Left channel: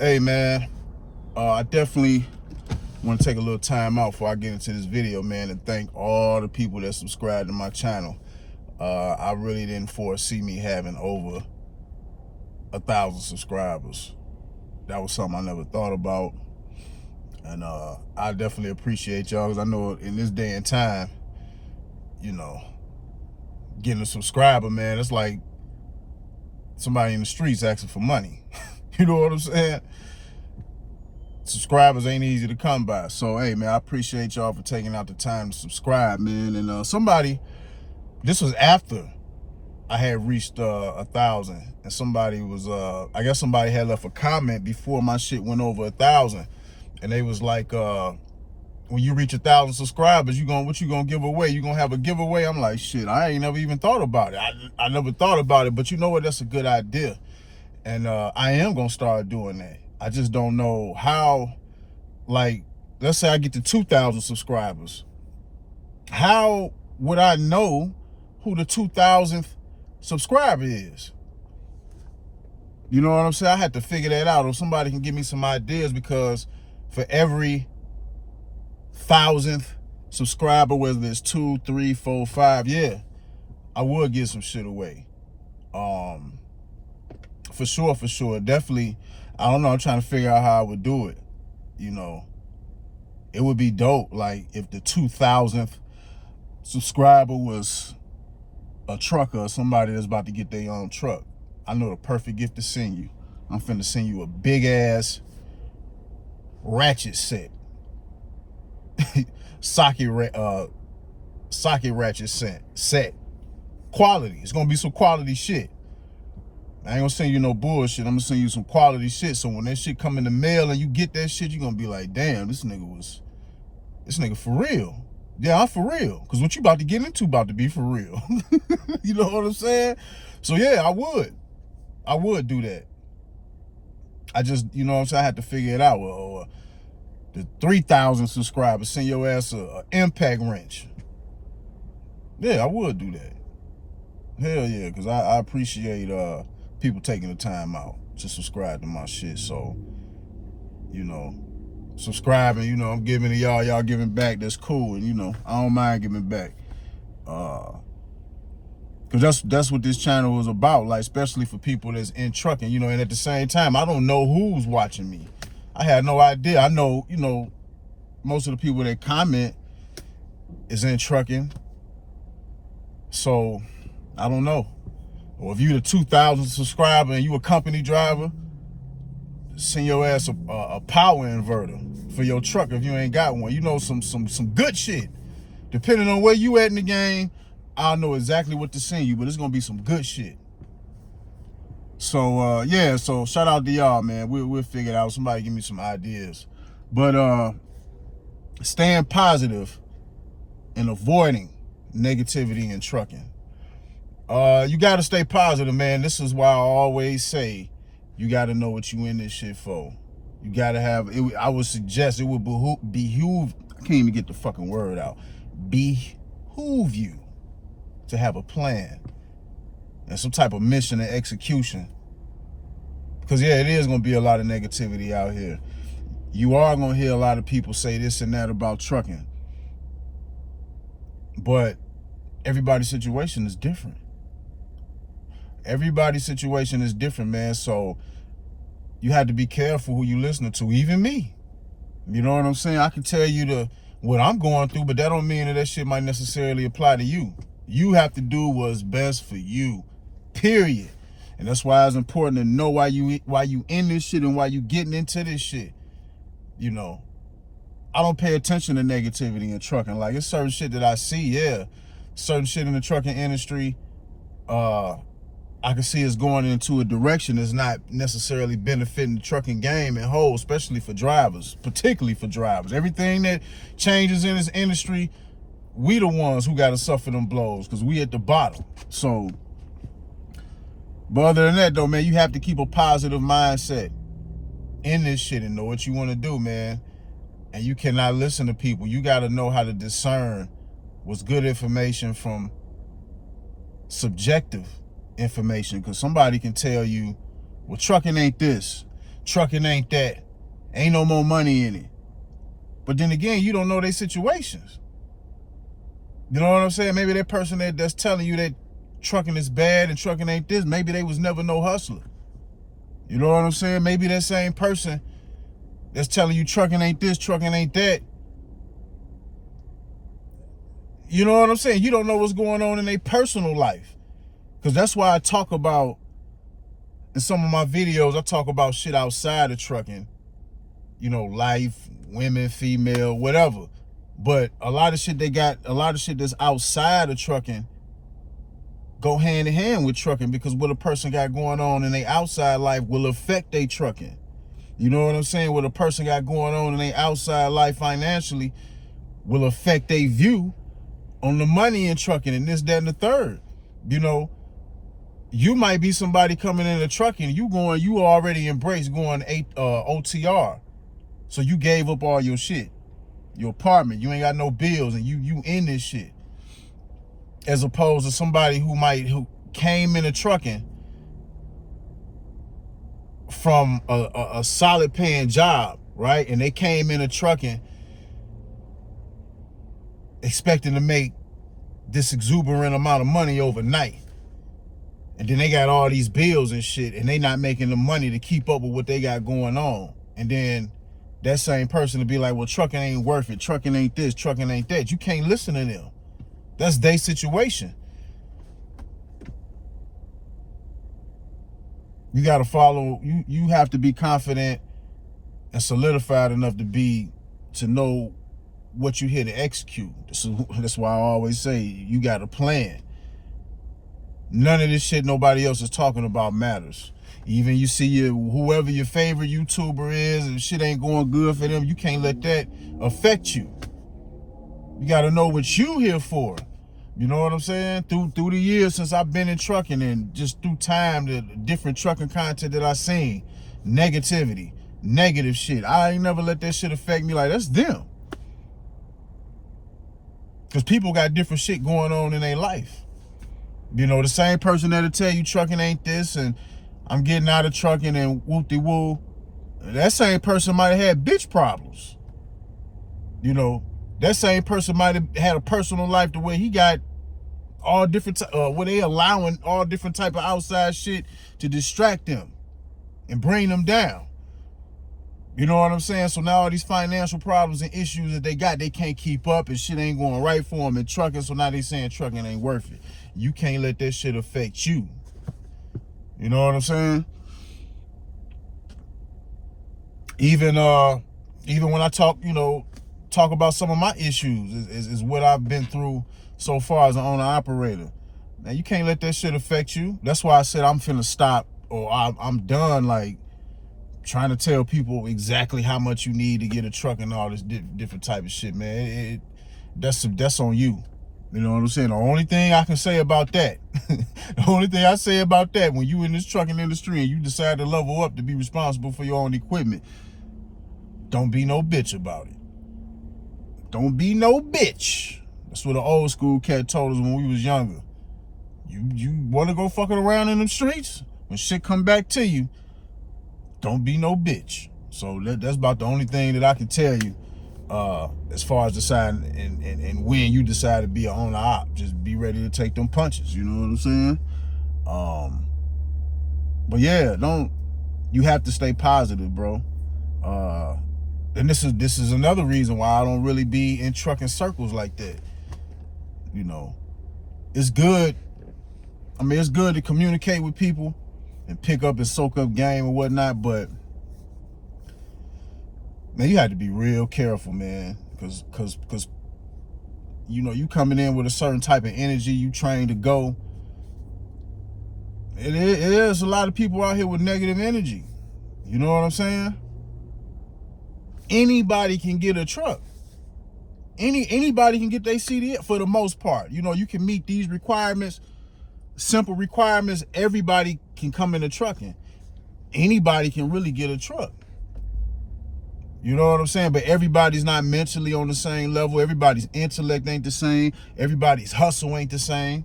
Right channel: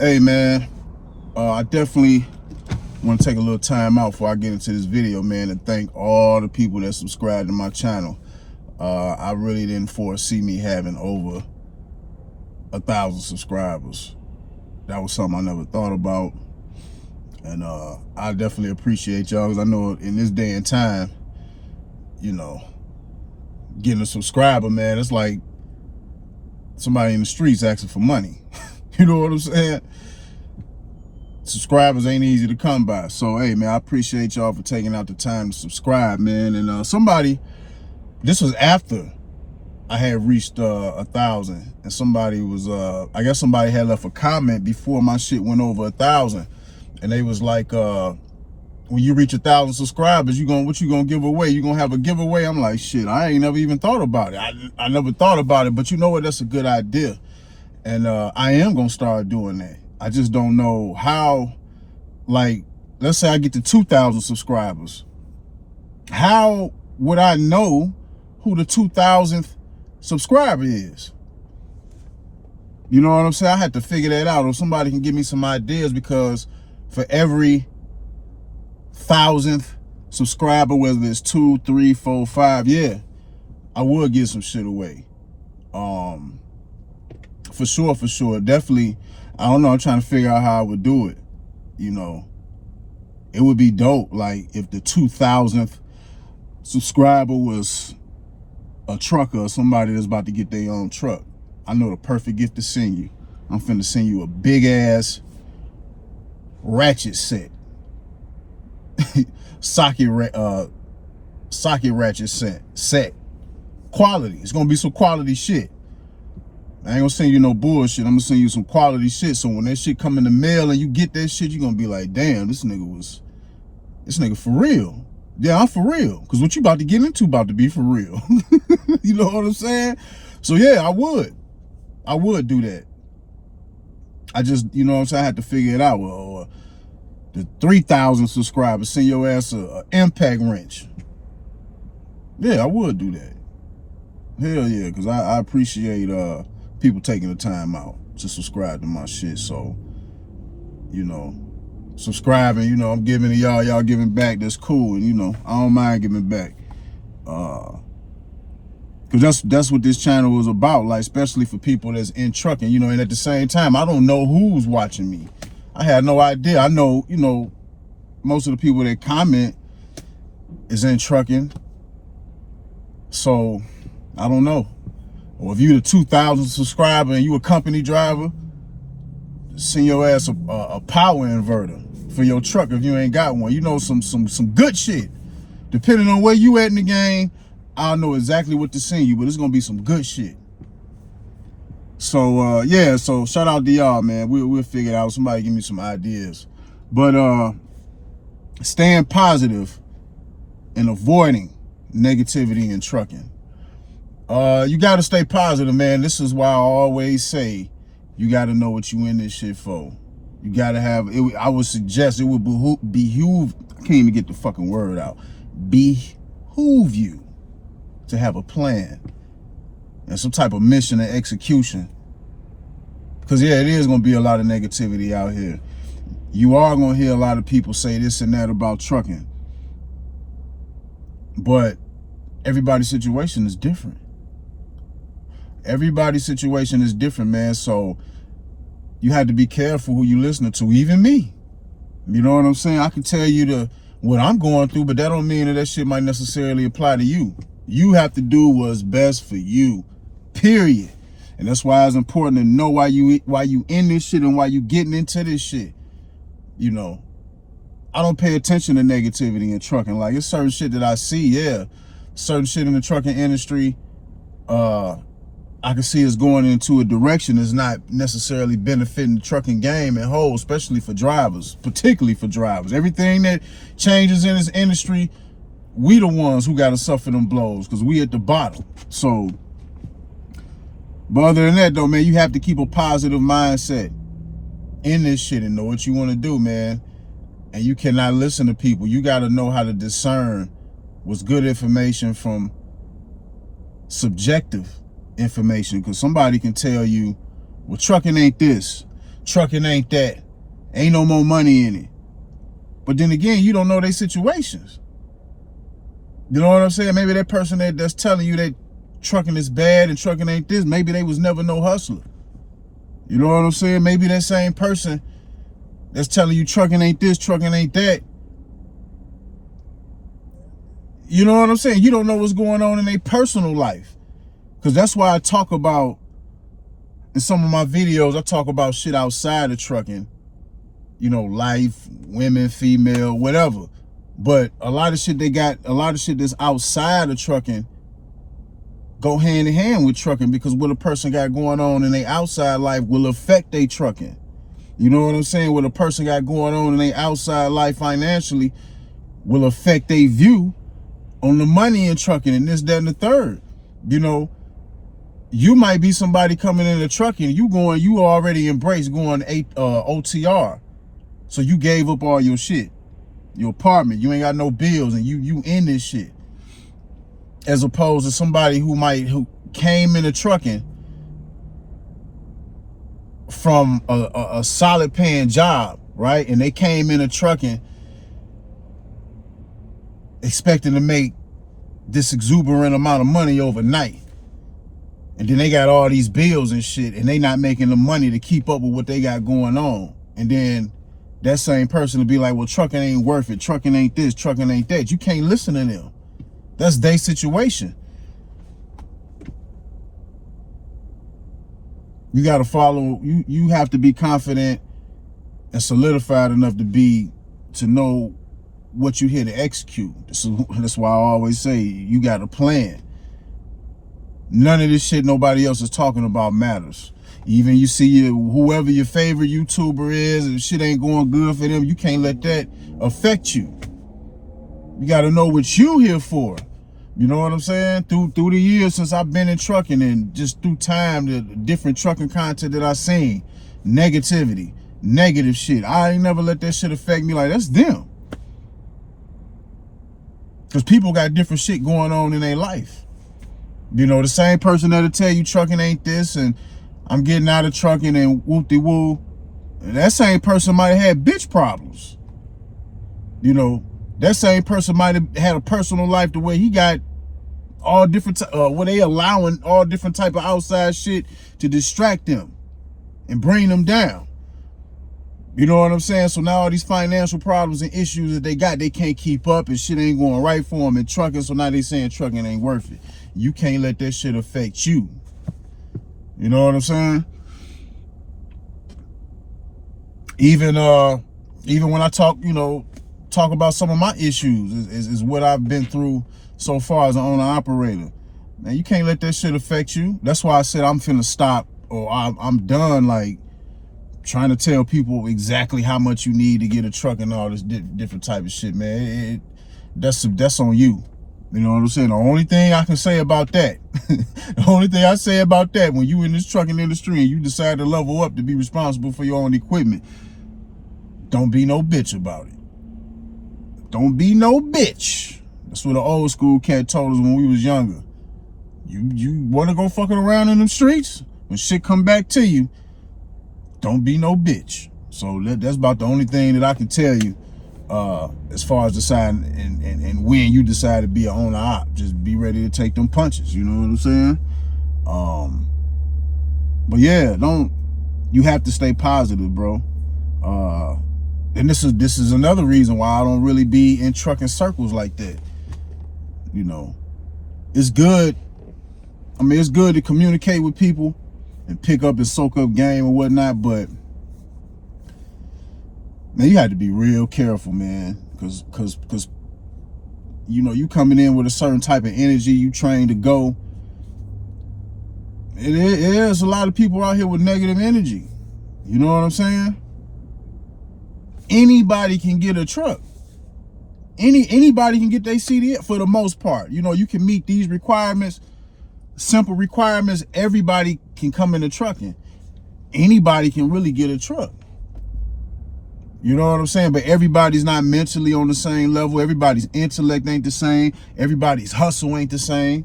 Hey man, I definitely want to take a little time out before I get into this video, man, and thank all the people that subscribe to my channel. I really didn't foresee me having over 1,000 subscribers. That was something I never thought about, and I definitely appreciate y'all, because I know in this day and time, you know, getting a subscriber, man, it's like somebody in the streets asking for money. You know what I'm saying? Subscribers ain't easy to come by. So hey man, I appreciate y'all for taking out the time to subscribe, man. And this was after I had reached 1,000, and somebody was I guess somebody had left a comment before my shit went over 1,000, and they was like, when you reach 1,000 subscribers, what you gonna give away? You gonna have a giveaway? I'm like, shit, I ain't never even thought about it. I never thought about it, but you know what? That's a good idea, and I am gonna start doing that. I just don't know how. Like, let's say I get to 2,000 subscribers. How would I know who the 2,000th subscriber is? You know what I'm saying? I had to figure that out, or somebody can give me some ideas, because for every 1,000th subscriber, whether it's 2, 3, 4, 5, yeah, I would give some shit away. For sure. Definitely, I don't know, I'm trying to figure out how I would do it. You know, it would be dope, like, if the 2,000th subscriber was a trucker or somebody that's about to get their own truck. I know the perfect gift to send you. I'm finna send you a big ass ratchet set. socket ratchet set. Quality. It's gonna be some quality shit. I ain't gonna send you no bullshit. I'm gonna send you some quality shit. So when that shit come in the mail and you get that shit, you're gonna be like, damn, this nigga for real. Yeah, I'm for real. Cause what you about to get into about to be for real. You know what I'm saying? So yeah, I would do that. I just, you know what I'm saying, I had to figure it out. Well, the 3,000 subscribers, send your ass a impact wrench. Yeah, I would do that. Hell yeah, because I appreciate people taking the time out to subscribe to my shit. So, you know, subscribing, you know, I'm giving to y'all giving back. That's cool. And, you know, I don't mind giving back. Because that's what this channel was about, like, especially for people that's in trucking, you know. And at the same time, I don't know who's watching me. I had no idea. I know, you know, most of the people that comment is in trucking. So, I don't know. Or if you the 2,000 subscriber and you a company driver, send your ass a power inverter for your truck if you ain't got one. You know, some good shit. Depending on where you at in the game, I'll know exactly what to send you, but it's gonna be some good shit. So yeah, so shout out to y'all, man. We'll figure it out. Somebody give me some ideas. But staying positive and avoiding negativity in trucking. You gotta stay positive, man. This is why I always say you gotta know what you in this shit for. You gotta have it. I would suggest it would behoove, I can't even get the fucking word out. Behoove you to have a plan and some type of mission and execution. Because yeah, it is gonna be a lot of negativity out here. You are gonna hear a lot of people say this and that about trucking. But everybody's situation is different. Everybody's situation is different, man. So you have to be careful who you listening to, even me. You know what I'm saying? I can tell you what I'm going through, but that don't mean that shit might necessarily apply to you. You have to do what's best for you, period. And that's why it's important to know why you in this shit and why you getting into this shit. You know, I don't pay attention to negativity in trucking. Like, it's certain shit that I see, yeah. Certain shit in the trucking industry, I can see it's going into a direction that's not necessarily benefiting the trucking game and whole, especially for drivers, particularly for drivers. Everything that changes in this industry, we the ones who got to suffer them blows, because we at the bottom. So, but other than that though, man, you have to keep a positive mindset in this shit and know what you want to do, man. And you cannot listen to people. You got to know how to discern what's good information from subjective information, because somebody can tell you, well, trucking ain't this, trucking ain't that. Ain't no more money in it. But then again, you don't know their situations. You know what I'm saying? Maybe that person that's telling you that trucking is bad and trucking ain't this, maybe they was never no hustler. You know what I'm saying? Maybe that same person that's telling you trucking ain't this, trucking ain't that. You know what I'm saying? You don't know what's going on in their personal life. Because that's why I talk about, in some of my videos, I talk about shit outside of trucking. You know, life, women, female, whatever. But a lot of shit that's outside of trucking go hand in hand with trucking, because what a person got going on in their outside life will affect their trucking. You know what I'm saying? What a person got going on in their outside life financially will affect their view on the money in trucking and this, that, and the third. You know, you might be somebody coming into trucking, you already embraced going OTR. So you gave up all your shit, your apartment, you ain't got no bills, and you in this shit. As opposed to somebody who came into trucking from a solid paying job, right? And they came into trucking expecting to make this exuberant amount of money overnight. And then they got all these bills and shit, and they not making the money to keep up with what they got going on. And then that same person to be like, well, trucking ain't worth it. Trucking ain't this, trucking ain't that. You can't listen to them. That's their situation. You got to follow, you have to be confident and solidified enough to know what you're here to execute. So that's why I always say you got a plan. None of this shit nobody else is talking about matters. Even you see whoever your favorite YouTuber is, and shit ain't going good for them, you can't let that affect you. You got to know what you here for. You know what I'm saying? Through the years since I've been in trucking, and just through time, the different trucking content that I seen, negativity, negative shit, I ain't never let that shit affect me. Like, that's them. Because people got different shit going on in their life. You know, the same person that'll tell you trucking ain't this, and I'm getting out of trucking and whoop-de-woo, that same person might have had bitch problems. You know, that same person might have had a personal life to where he got all different, where they allowing all different type of outside shit to distract them and bring them down. You know what I'm saying? So now all these financial problems and issues that they got, they can't keep up, and shit ain't going right for them in trucking, so now they saying trucking ain't worth it. You can't let that shit affect you. You know what I'm saying? Even when I talk about some of my issues is what I've been through so far as an owner operator. Now, you can't let that shit affect you. That's why I said I'm finna stop, or I'm done, like, trying to tell people exactly how much you need to get a truck and all this different type of shit, man. That's on you. You know what I'm saying? The only thing I can say about that, the only thing I say about that, when you in this trucking industry and you decide to level up to be responsible for your own equipment, don't be no bitch about it. Don't be no bitch. That's what an old school cat told us when we was younger. You want to go fucking around in them streets? When shit come back to you, don't be no bitch. So that's about the only thing that I can tell you as far as deciding and when you decide to be an owner op. Just be ready to take them punches. You know what I'm saying? But yeah, you have to stay positive, bro. And this is another reason why I don't really be in trucking circles like that. You know, it's good. I mean, it's good to communicate with people and pick up and soak up game and whatnot, but man, you have to be real careful, man, because you know, you coming in with a certain type of energy, you trained to go. It is a lot of people out here with negative energy. You know what I'm saying? Anybody can get a truck. Anybody can get their CDL for the most part. You know, you can meet these requirements, simple requirements. Everybody can come into trucking. Anybody can really get a truck. You know what I'm saying? But everybody's not mentally on the same level. Everybody's intellect ain't the same. Everybody's hustle ain't the same.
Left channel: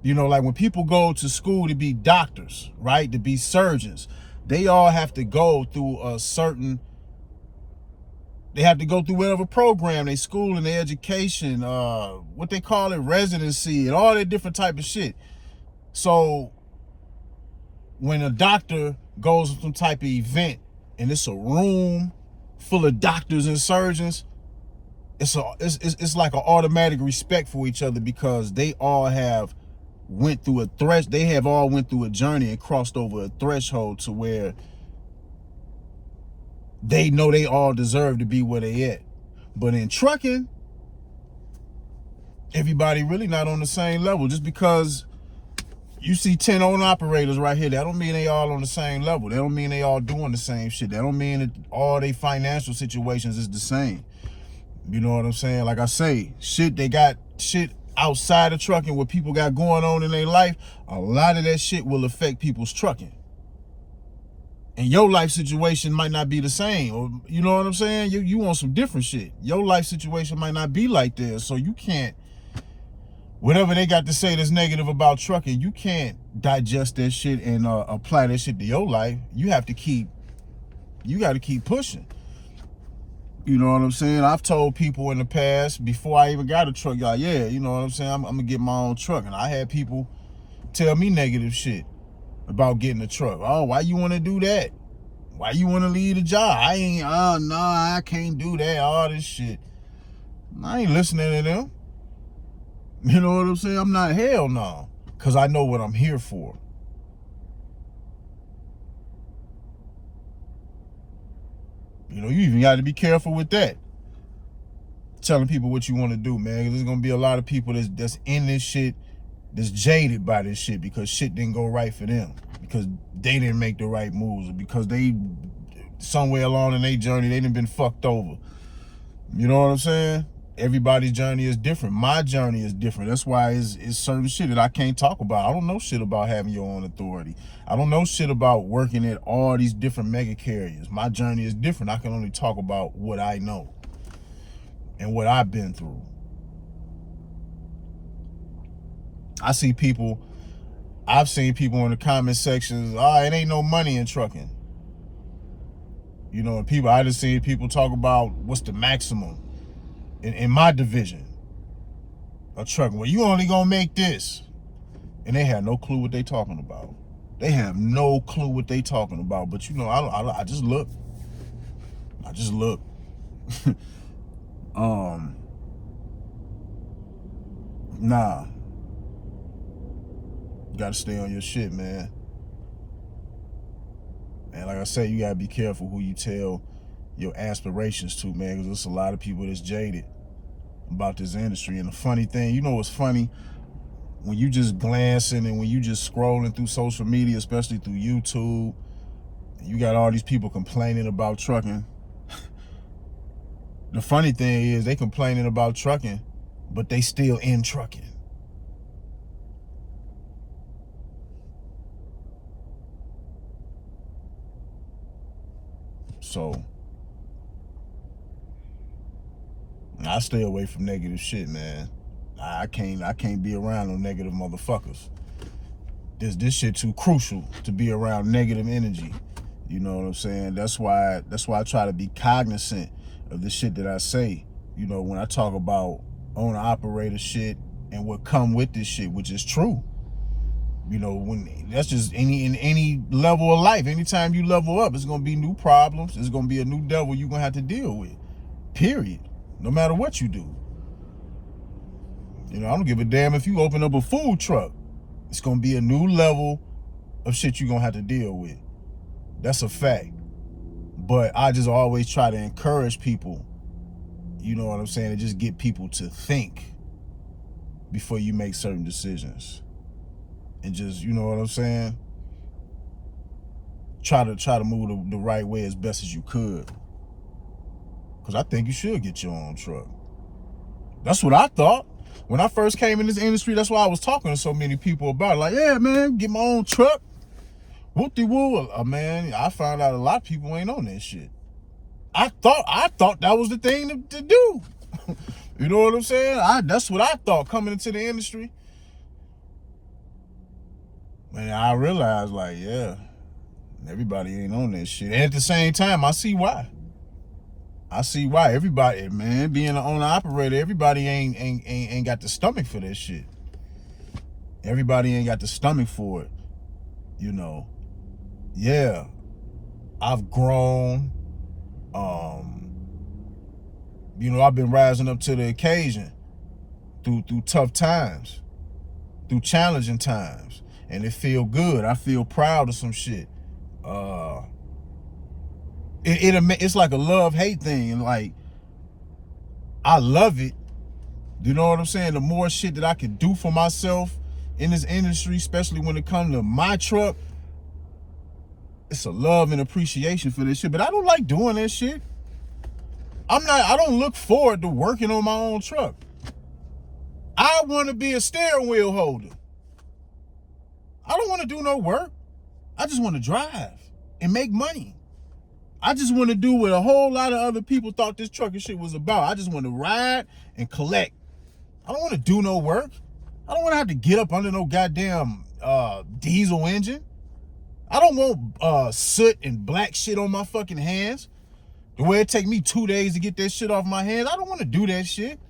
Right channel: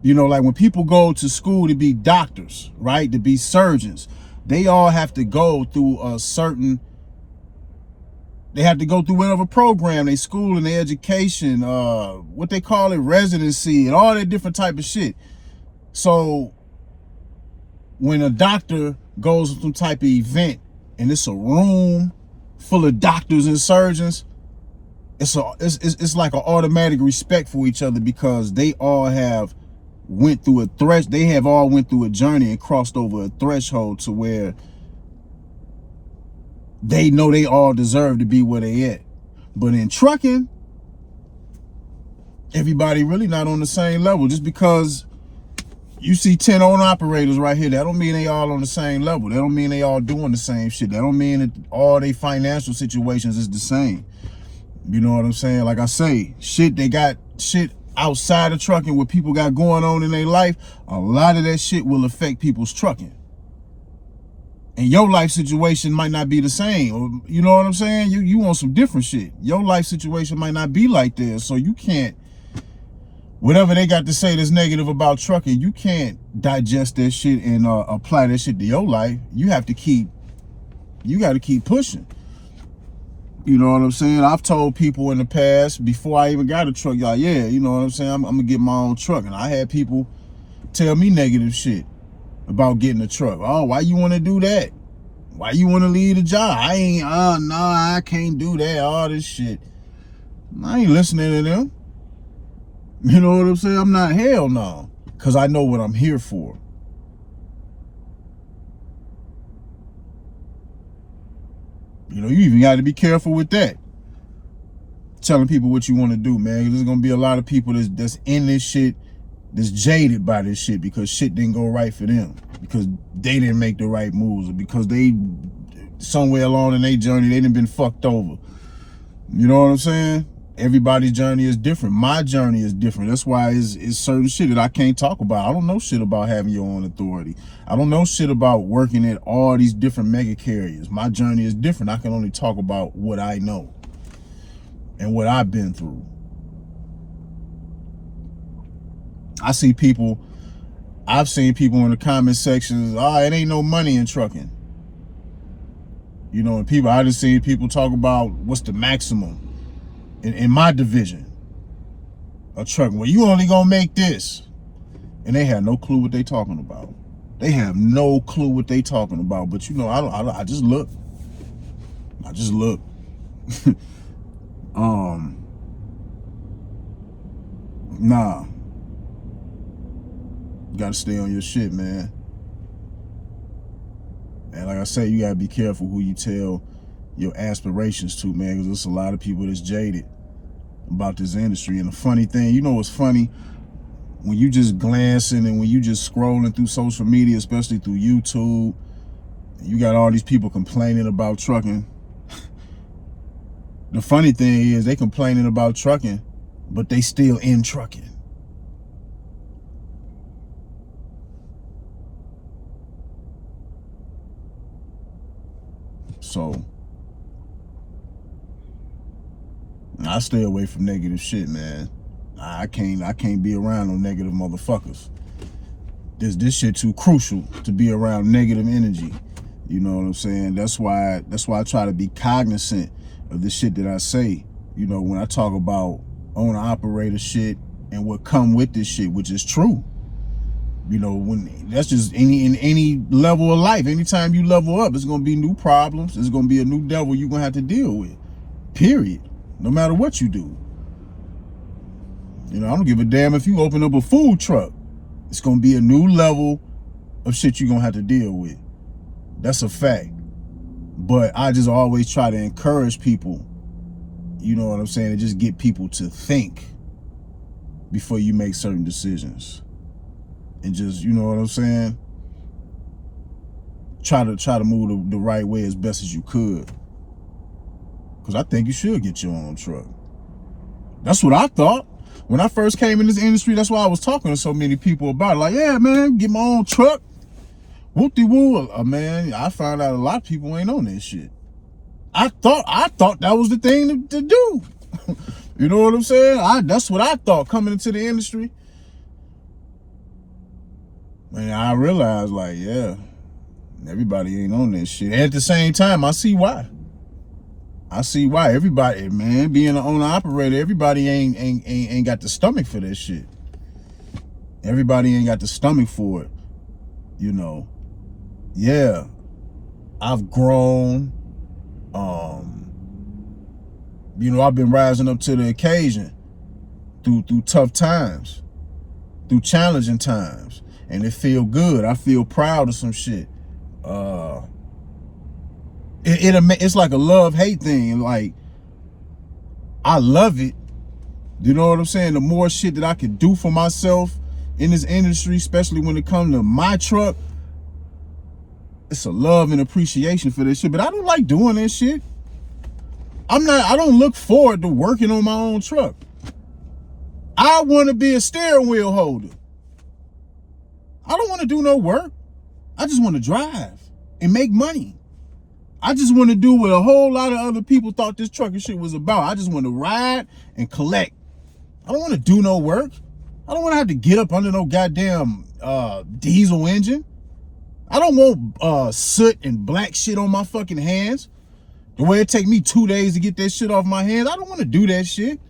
You know, like when people go to school to be doctors, right? To be surgeons, they all have to go through they have to go through whatever program, they school and their education, what they call it, residency, and all that different type of shit. So when a doctor goes to some type of event and it's a room full of doctors and surgeons, it's like an automatic respect for each other, because they all have went through a journey and crossed over a threshold to where they know they all deserve to be where they at. But in trucking, everybody really not on the same level. Just because you see 10 owner operators right here, that don't mean they all on the same level. That don't mean they all doing the same shit. That don't mean that all their financial situations is the same. You know what I'm saying? Like I say, they got shit outside of trucking, what people got going on in their life. A lot of that shit will affect people's trucking. And your life situation might not be the same. Or, you know what I'm saying? You want some different shit. Your life situation might not be like this. So you can't, whatever they got to say that's negative about trucking, you can't digest that shit and apply that shit to your life. You got to keep pushing. You know what I'm saying? I've told people in the past, before I even got a truck, y'all, yeah, you know what I'm saying? I'm gonna get my own truck. And I had people tell me negative shit about getting a truck. Oh, why you want to do that? Why you want to leave the job? I can't do that, all this shit. I ain't listening to them. You know what I'm saying? I'm not, hell no. Because I know what I'm here for. You know, you even got to be careful with that. Telling people what you want to do, man. There's going to be a lot of people that's in this shit, that's jaded by this shit because shit didn't go right for them. Because they didn't make the right moves. Or because they, somewhere along in their journey, they done been fucked over. You know what I'm saying? Everybody's journey is different. My journey is different. That's why it's certain shit that I can't talk about. I don't know shit about having your own authority. I don't know shit about working at all these different mega carriers. My journey is different. I can only talk about what I know and what I've been through. I've seen people in the comment sections, it ain't no money in trucking. You know, and I just seen people talk about what's the maximum in my division of trucking. Well, you only gonna make this. And they have no clue what they talking about. They have no clue what they talking about. But you know, I just look. I just look. Nah. You gotta stay on your shit, man. And like I say, you gotta be careful who you tell your aspirations to, man, because there's a lot of people that's jaded about this industry. And the funny thing, you know what's funny? When you just glancing and when you just scrolling through social media, especially through YouTube, you got all these people complaining about trucking. The funny thing is they complaining about trucking, but they still in trucking. So I stay away from negative shit, man. I can't be around no negative motherfuckers. This shit too crucial to be around negative energy. You know what I'm saying? That's why I try to be cognizant of the shit that I say. You know, when I talk about owner operator shit and what come with this shit, which is true. You know, when that's just in any level of life. Anytime you level up, there's gonna be new problems. There's gonna be a new devil you're gonna have to deal with. Period. No matter what you do. You know, I don't give a damn if you open up a food truck. It's gonna be a new level of shit you're gonna have to deal with. That's a fact. But I just always try to encourage people, you know what I'm saying, and just get people to think before you make certain decisions. And just, you know what I'm saying, try to move the right way as best as you could. Because I think you should get your own truck. That's what I thought. When I first came in this industry, that's why I was talking to so many people about it. Like, yeah, man, get my own truck. Whoop-de-woo. Man, I found out a lot of people ain't on that shit. I thought that was the thing to do. You know what I'm saying? That's what I thought coming into the industry. And I realized, like, yeah, Everybody ain't on that shit. And at the same time, I see why. I see why. Everybody, man, being an owner operator, everybody ain't got the stomach for that shit. Everybody ain't got the stomach for it. You know. Yeah. I've grown. You know, I've been rising up to the occasion through tough times, through challenging times. And it feel good. I feel proud of some shit. It's like a love-hate thing. Like, I love it. You know what I'm saying? The more shit that I can do for myself in this industry, especially when it comes to my truck, it's a love and appreciation for this shit. But I don't like doing that shit. I don't look forward to working on my own truck. I want to be a steering wheel holder. I don't want to do no work. I just want to drive and make money. I just want to do what a whole lot of other people thought this trucking shit was about. I just want to ride and collect. I don't want to do no work. I don't want to have to get up under no goddamn diesel engine. I don't want soot and black shit on my fucking hands. The way it take me 2 days to get that shit off my hands. I don't want to do that shit.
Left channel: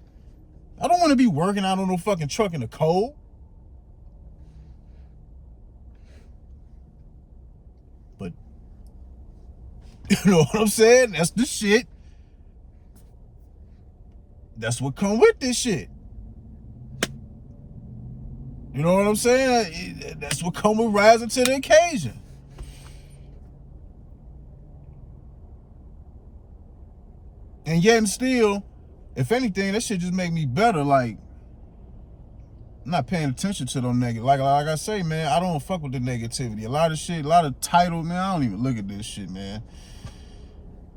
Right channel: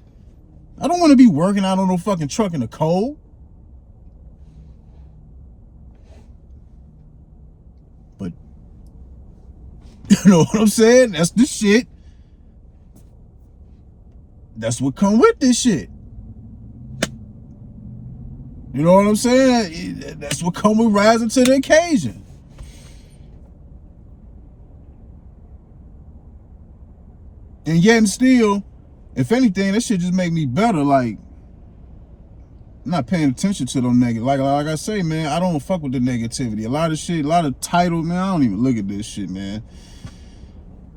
I don't want to be working out on no fucking truck in the cold. But, you know what I'm saying? That's the shit. That's what come with this shit. You know what I'm saying? That's what come with rising to the occasion. And yet and still, if anything, that shit just make me better. Like, I'm not paying attention to them negative. Like I say, man, I don't fuck with the negativity. A lot of shit, a lot of titles, man, I don't even look at this shit, man.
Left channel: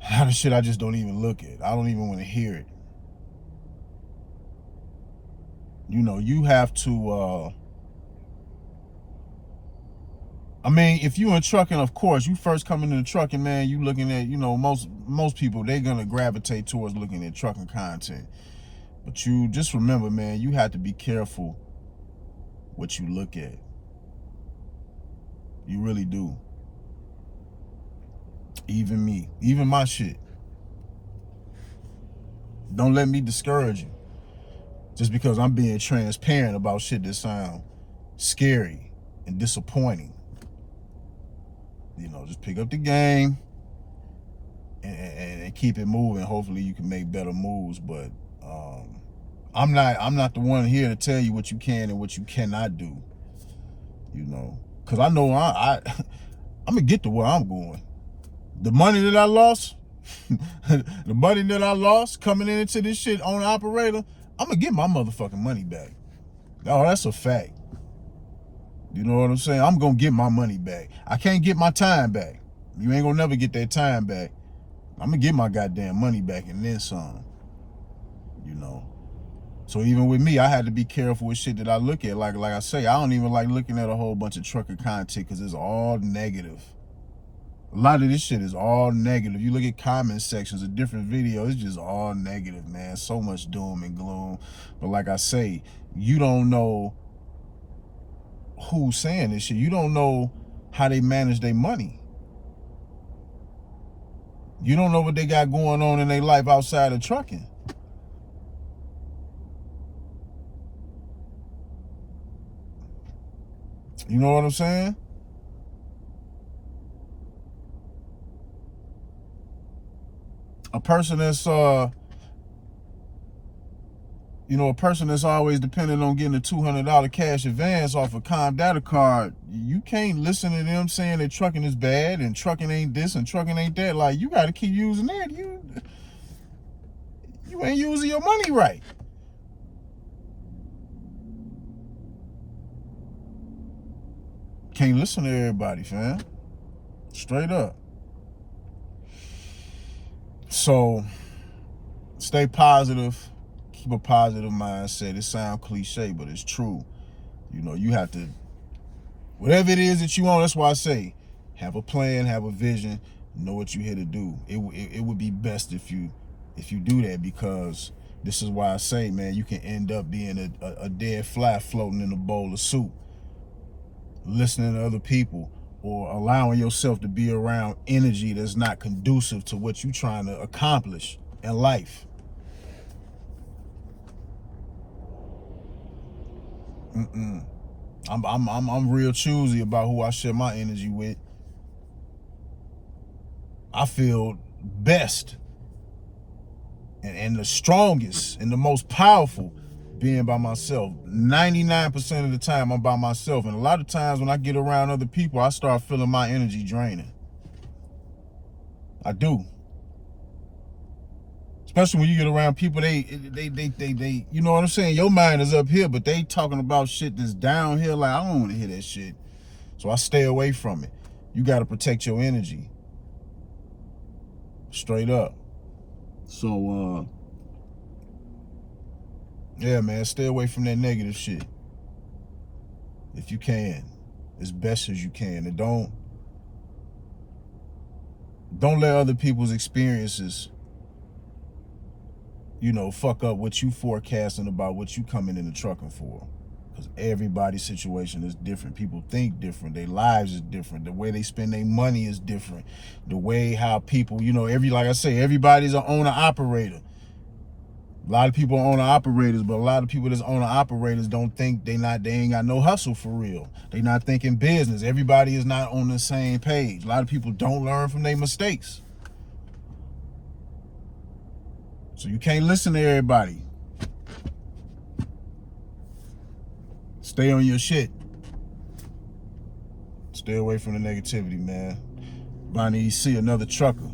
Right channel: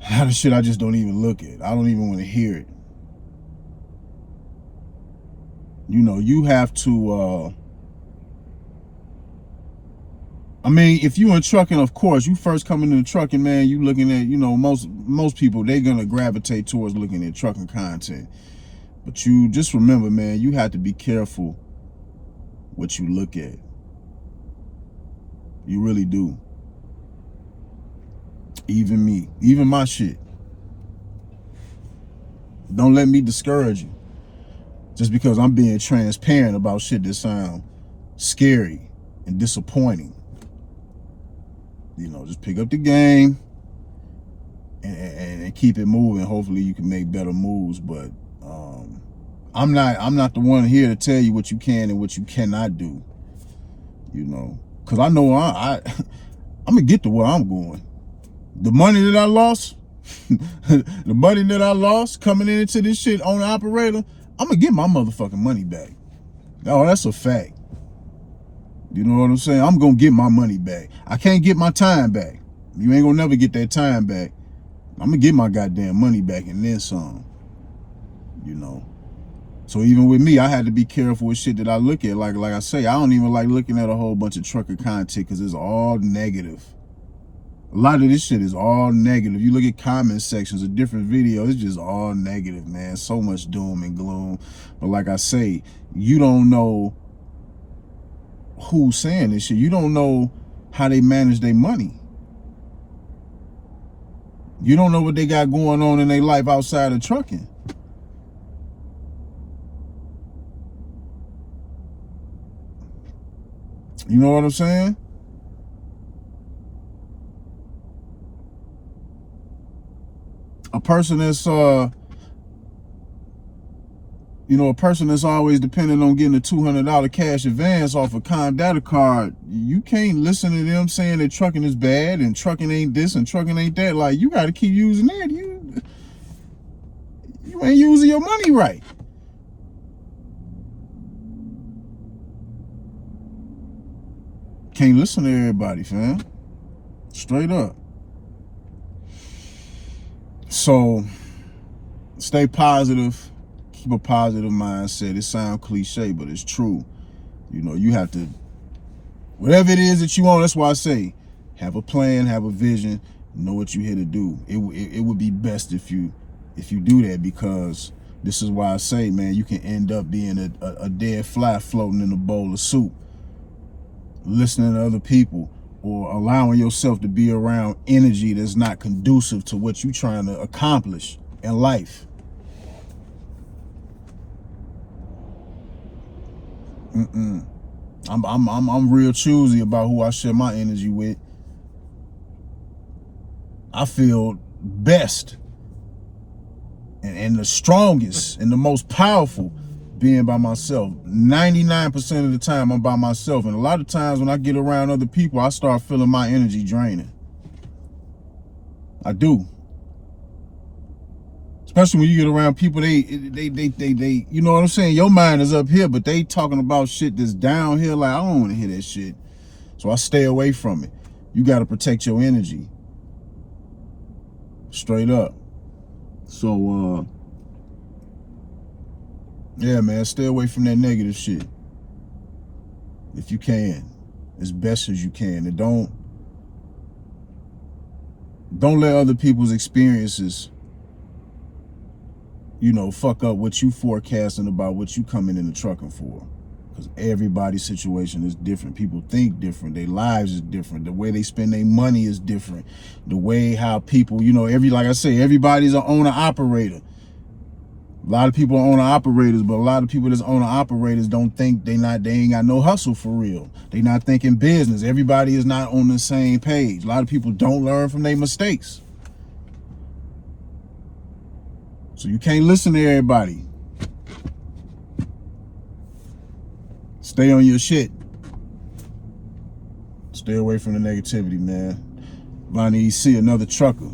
A lot of shit I just don't even look at. I don't even want to hear it. You know, you have to, I mean, if you in trucking, of course, you first coming into trucking, man, you looking at, you know, most people, they gonna gravitate towards looking at trucking content. But you just remember, man, you have to be careful what you look at. You really do. Even me, even my shit. Don't let me discourage you. Just because I'm being transparent about shit that sound scary and disappointing. You know, just pick up the game and keep it moving. Hopefully you can make better moves. But I'm not the one here to tell you what you can and what you cannot do. You know, because I know I'm gonna get to where I'm going. The money that I lost, the money that I lost coming into this shit on the operator, I'm gonna get my motherfucking money back. Oh, that's a fact. You know what I'm saying? I'm gonna get my money back. I can't get my time back. You ain't gonna never get that time back. I'm gonna get my goddamn money back and then some. You know. So even with me, I had to be careful with shit that I look at. Like I say, I don't even like looking at a whole bunch of trucker content because it's all negative. A lot of this shit is all negative. You look at comment sections of different videos, it's just all negative, man. So much doom and gloom. But like I say, you don't know who's saying this shit. You don't know how they manage their money. You don't know what they got going on in their life outside of trucking. You know what I'm saying? A person that's a person that's always dependent on getting a $200 cash advance off a Comdata card, you can't listen to them saying that trucking is bad and trucking ain't this and trucking ain't that. Like, you got to keep using that. You ain't using your money right. Can't listen to everybody, fam. Straight up. So, stay positive. Keep a positive mindset. It sounds cliche, but it's true. You know, you have to, whatever it is that you want, that's why I say, have a plan, have a vision, know what you're here to do. It would be best if you do that, because this is why I say, man, you can end up being a dead fly floating in a bowl of soup, listening to other people, or allowing yourself to be around energy that's not conducive to what you're trying to accomplish in life. I'm real choosy about who I share my energy with. I feel best and the strongest and the most powerful being by myself. 99% of the time I'm by myself, and a lot of times when I get around other people, I start feeling my energy draining. I do. Especially when you get around people, they you know what I'm saying? Your mind is up here, but they talking about shit that's down here. Like, I don't want to hear that shit. So I stay away from it. You got to protect your energy. Straight up. So, yeah, man, stay away from that negative shit. If you can, as best as you can. And don't let other people's experiences, you know, fuck up what you forecasting about what you coming in the trucking for. Because everybody's situation is different. People think different. Their lives is different. The way they spend their money is different. The way how people, you know, like I say, everybody's an owner-operator. A lot of people are owner-operators, but a lot of people that's owner-operators don't think they ain't got no hustle for real. They not thinking business. Everybody is not on the same page. A lot of people don't learn from their mistakes. So you can't listen to everybody. Stay on your shit. Stay away from the negativity, man. Bonnie, you see another trucker.